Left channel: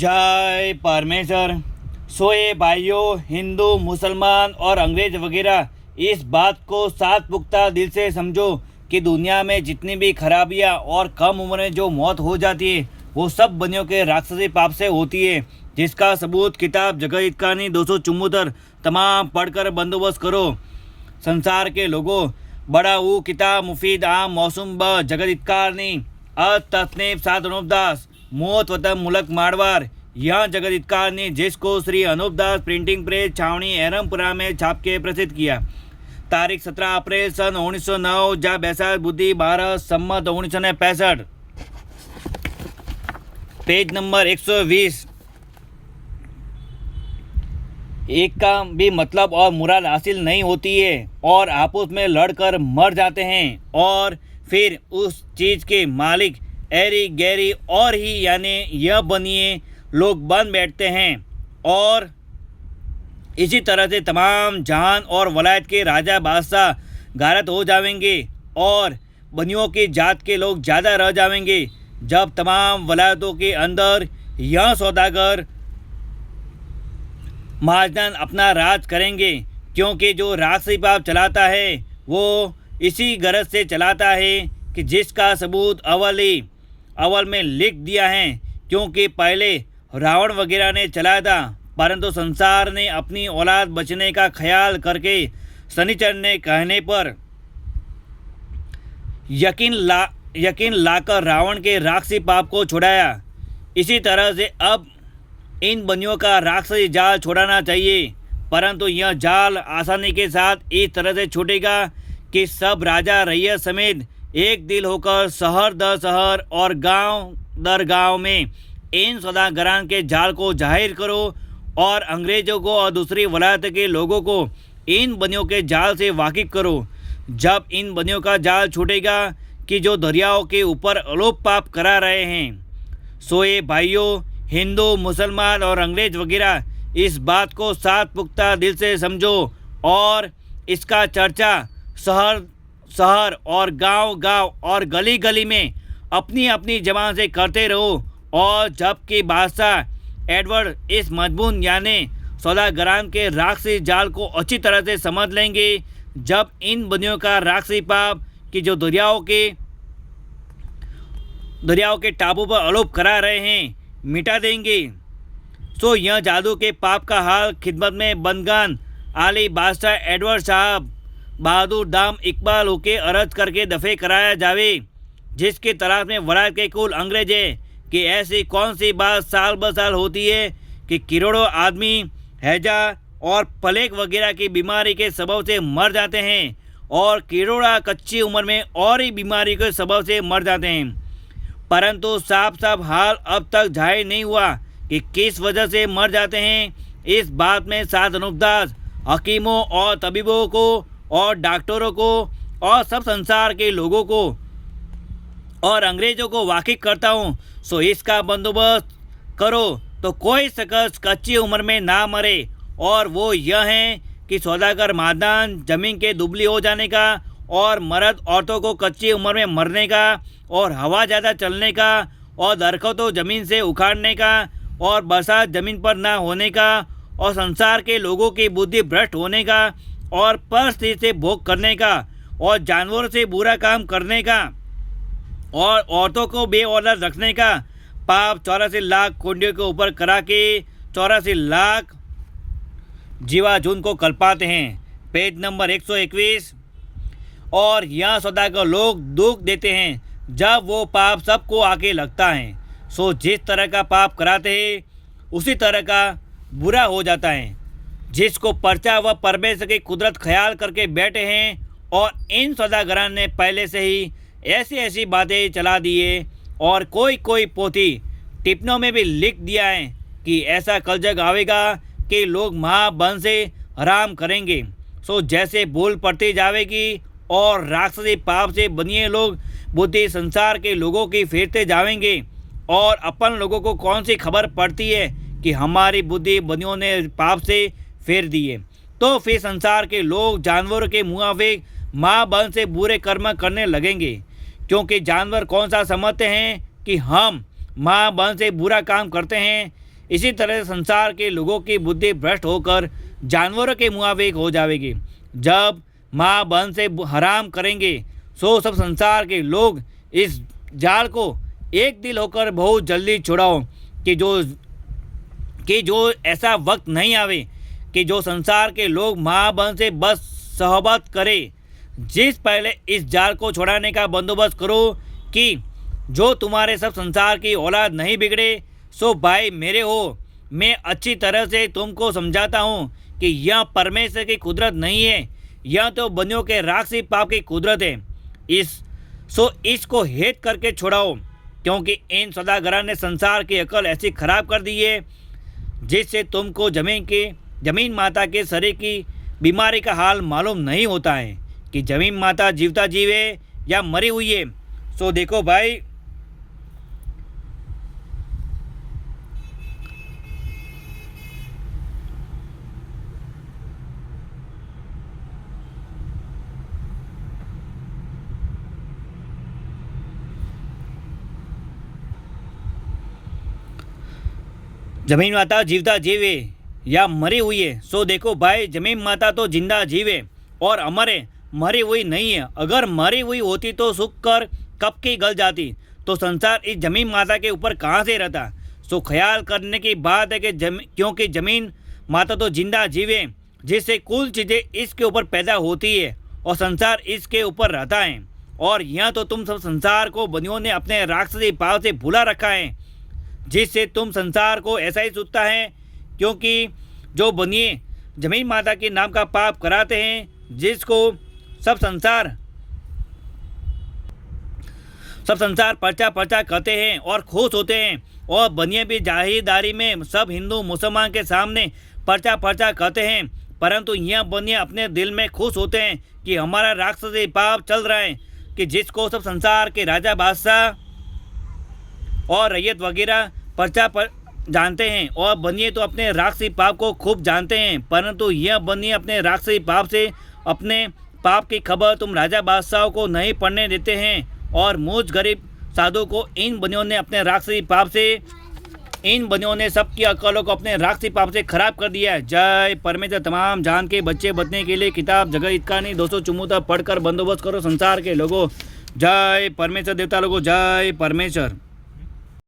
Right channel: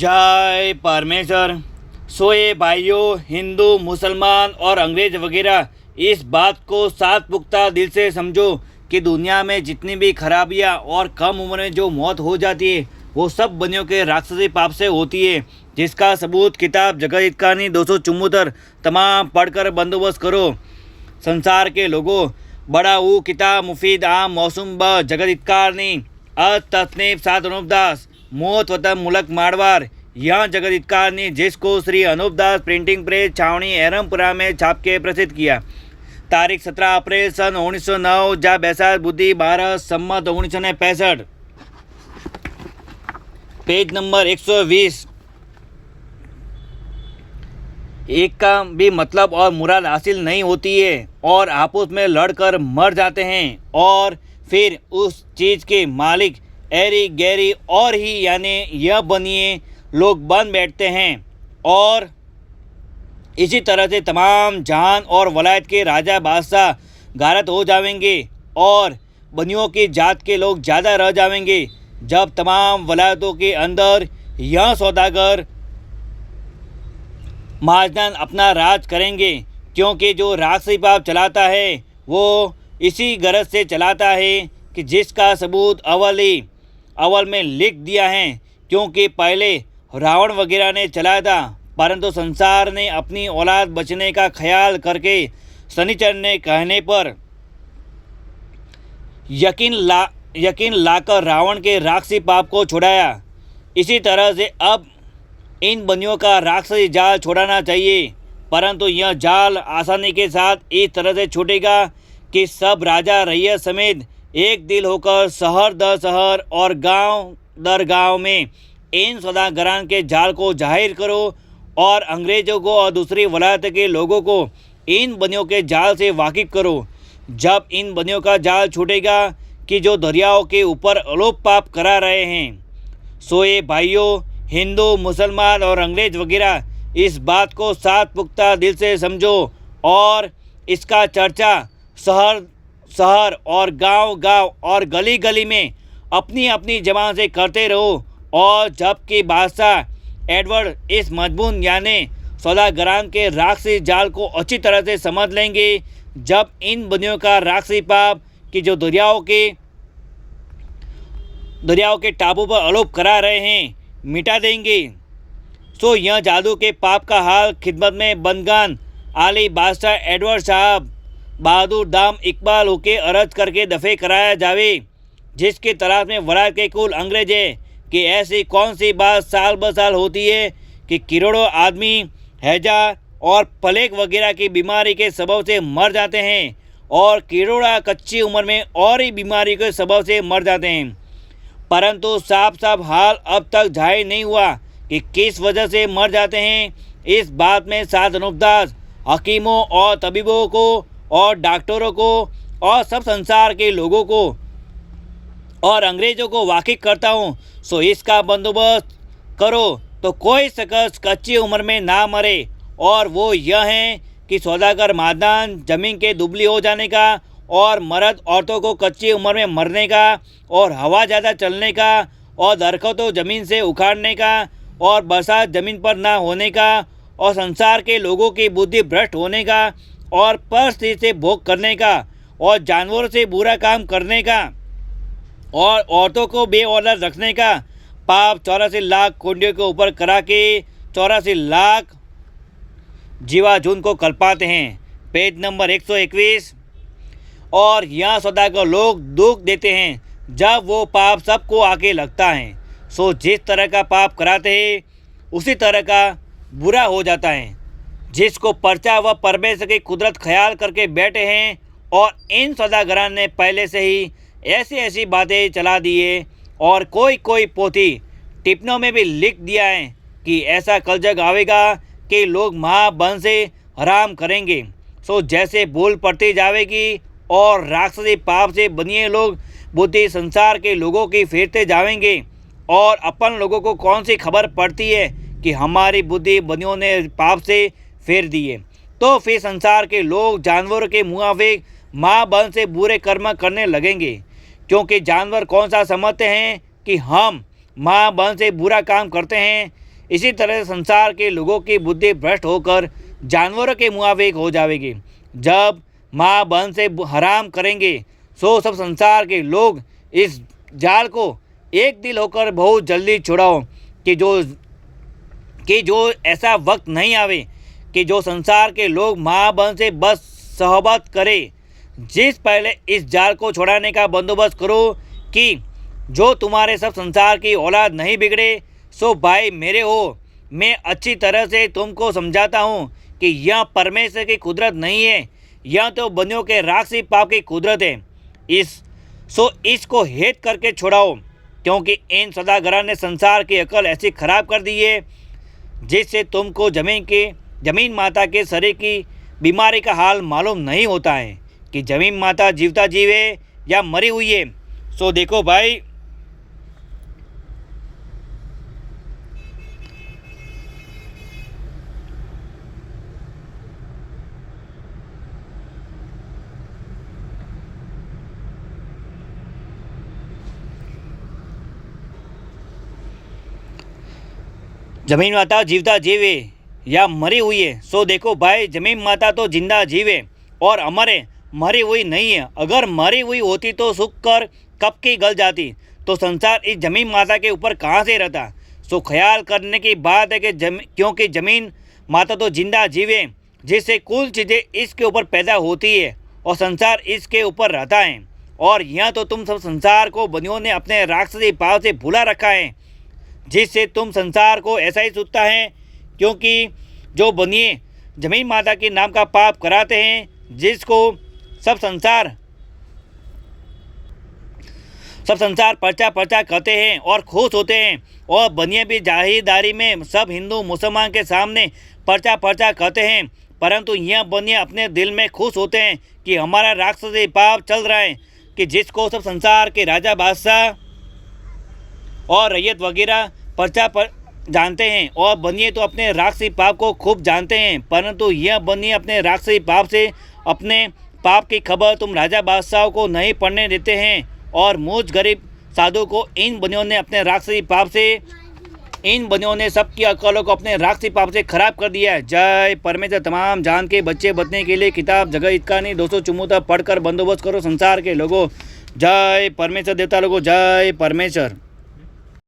जय परमेश्वर। सोए भाइयों, हिंदू, मुसलमान और अंग्रेज वगैरह, इस बात को सात पुख्ता दिल से समझो कि दुनिया में जितनी भी खराबियाँ और कम उम्र में जो मौत हो जाती है वो सब बनियों के राक्षसी पाप से होती है, जिसका सबूत किताब जगत हितकारी 274 तमाम पढ़कर बंदोबस्त करो। संसार के लोगों, बड़ा ऊ किताब मुफीद आम मौसम ब जगत हितकारी तस्नीफ सात अनुपदास मौत वतन मुलक मारवाड़। यह जगत हितकारी जिसको श्री अनुपदास प्रिंटिंग प्रेस छावनी एरमपुरा में छाप के प्रसिद्ध किया। तारीख 17 अप्रैल सन 1909 जा बैसाख बुद्धि 12 सम्मत 1965। Page number 120। एक का भी मतलब और मुराद हासिल नहीं होती है और आपस में लड़कर मर जाते हैं और फिर उस चीज़ के मालिक एरी गैरी और ही यानी यह बनिए लोग बन बैठते हैं और इसी तरह से तमाम जहान और वलायत के राजा बादशाह गारत हो जाएंगे और बनियों की जात के लोग ज़्यादा रह जाएंगे। जब तमाम वलायतों के अंदर यह सौदागर महाजन अपना राज करेंगे, क्योंकि जो राक्षसी पाप चलाता है वो इसी गरज से चलाता है कि जिसका सबूत अव्वल में लिख दिया है, क्योंकि पहले रावण वगैरह ने चलाया था, परंतु संसार ने अपनी औलाद बचने का ख्याल करके शनिचर ने कहने पर यकीन लाकर रावण के राक्षसी पाप को छुड़ाया। इसी तरह से अब इन बनियों का राक्षसी जाल छोड़ाना चाहिए, परंतु यह जाल आसानी के साथ इस तरह से छूटेगा कि सब राजा रैयत समेत एक दिल होकर शहर दर शहर और गांव दर गांव में इन सौदागरान के जाल को जाहिर करो और अंग्रेजों को और दूसरी वलायत के लोगों को इन बनियों के जाल से वाकिफ करो। जब इन बनियों का जाल छूटेगा कि जो दरियाओं के ऊपर अलोप पाप करा रहे हैं, सोए भाइयों, हिंदू, मुसलमान और अंग्रेज वगैरह, इस बात को सात पुख्ता दिल से समझो और इसका चर्चा शहर और गांव और गली गली में अपनी अपनी जबान से करते रहो। और जबकि बादशाह एडवर्ड इस मजबून यानी सौदागरान के राक्षसी जाल को अच्छी तरह से समझ लेंगे, जब इन बनियों का राक्षसी पाप कि जो दरियाओं के टापू पर आरोप करा रहे हैं मिटा देंगे, तो यह जादू के पाप का हाल खिदमत में बंदगान आली बादशाह एडवर्ड साहब बहादुर दाम इकबाल होके अर्ज करके दफे कराया जावे, जिसकी तलाश में वलायत के कुल अंग्रेज है कि ऐसी कौन सी बात साल ब साल होती है कि करोड़ों आदमी हैजा और प्लेग वगैरह की बीमारी के सबब से मर जाते हैं और करोड़ा कच्ची उम्र में और ही बीमारी के सबब से मर जाते हैं, परंतु साफ हाल अब तक जाहिर नहीं हुआ कि किस वजह से मर जाते हैं। इस बात में सात अनुपदास हकीमों और तबीबों को और डॉक्टरों को और सब संसार के लोगों को और अंग्रेजों को वाकिफ करता हूँ। सो इसका बंदोबस्त करो तो कोई शख्स कच्ची उम्र में ना मरे, और वो यह है कि सौदागर मादान जमीन के दुबली हो जाने का और मर्द औरतों को कच्ची उम्र में मरने का और हवा ज़्यादा चलने का और दरख्तों ज़मीन से उखाड़ने का और बरसात ज़मीन पर ना होने का और संसार के लोगों की बुद्धि भ्रष्ट होने का और परिस्थिति से भोग करने का और जानवरों से बुरा काम करने का और औरतों को बेऔलाद रखने का पाप 84 लाख कुंडियों के ऊपर करा के 84 लाख जीवाजून को कल्पाते हैं। Page number 121। और यहाँ सौदागर लोग दुख देते हैं जब वो पाप सबको आके लगता है, सो जिस तरह का पाप कराते हैं उसी तरह का बुरा हो जाता है, जिसको पर्चा व परमेश्वर की कुदरत ख्याल करके बैठे हैं। और इन सौदागरान ने पहले से ही ऐसी बातें चला दिए और कोई पोथी टिप्पणों में भी लिख दिया है कि ऐसा कल जग आवेगा कि लोग महाबन से हराम करेंगे। सो जैसे भूल पड़ती जाएगी और राक्षसी पाप से बनिए लोग बुद्धि संसार के लोगों की फेरते जाएंगे, और अपन लोगों को कौन सी खबर पड़ती है कि हमारी बुद्धि बनियों ने पाप से फेर दी है, तो फिर संसार के लोग जानवरों के मुआफिक महाबन से बुरे कर्म करने लगेंगे, क्योंकि जानवर कौन सा समझते हैं कि हम महाबन से बुरा काम करते हैं। इसी तरह संसार के लोगों की बुद्धि भ्रष्ट होकर जानवरों के मुआबिक हो जाएगी। जब माँ बहन से हराम करेंगे सो सब संसार के लोग इस जाल को एक दिल होकर बहुत जल्दी छुड़ाओ कि जो ऐसा वक्त नहीं आवे कि जो संसार के लोग माँ बहन से बस सहबत करे। जिस पहले इस जाल को छुड़ाने का बंदोबस्त करो कि जो तुम्हारे सब संसार की औलाद नहीं बिगड़े। सो भाई मेरे हो, मैं अच्छी तरह से तुमको समझाता हूँ कि यह परमेश्वर की कुदरत नहीं है, यह तो बनियों के राक्षसी पाप की कुदरत है। इसको हेत करके छुड़ाओ, क्योंकि इन सौदागरों ने संसार की अकल ऐसी खराब कर दी है जिससे तुमको जमीन माता के शरीर की बीमारी का हाल मालूम नहीं होता है कि जमीन माता जीवता जीवे या मरी हुई है। सो देखो भाई, जमीन माता जीवता जीवे या मरी हुई है। सो देखो भाई, जमीन माता तो जिंदा जीवे और अमर है, मरी हुई नहीं है। अगर मरी हुई होती तो सूख कर कब की गल जाती, तो संसार इस जमीन माता के ऊपर कहाँ से रहता। सो ख्याल करने की बात है कि क्योंकि जमीन माता तो जिंदा जीवे जिससे कुल चीज़ें इसके ऊपर पैदा होती है और संसार इसके ऊपर रहता है। और यहाँ तो तुम सब संसार को बनियों ने अपने राक्षसी भाव से भुला रखा है, जिससे तुम संसार को ऐसा ही सोचता है। क्योंकि जो बनिए जमीन माता के नाम का पाप कराते हैं, जिसको सब संसार पर्चा कहते हैं और खुश होते हैं, और बनिए भी जाहिरदारी में सब हिंदू मुसलमान के सामने पर्चा कहते हैं। परंतु यह बनिए अपने दिल में खुश होते हैं कि हमारा राक्षसी पाप चल रहा है, कि जिसको सब संसार के राजा बादशाह और रैयत वगैरह पर्चा पर जानते हैं। और बनिए तो अपने राक्षसी पाप को खूब जानते हैं, परंतु यह बनिए अपने राक्षसी पाप से अपने पाप की खबर तुम राजा बादशाहों को नहीं पढ़ने देते हैं। और मुझ गरीब साधु को इन बनियों ने अपने राक्षसी पाप से, इन बनियों ने सबकी अकलों को अपने राक्षसी पाप से खराब कर दिया है। जय परमेश्वर। तमाम जान के बच्चे बचने के लिए किताब जगह इतका नहीं 274 पढ़कर बंदोबस्त करो संसार के लोगों। जय परमेश्वर। देवता लोगों जय परमेश्वर।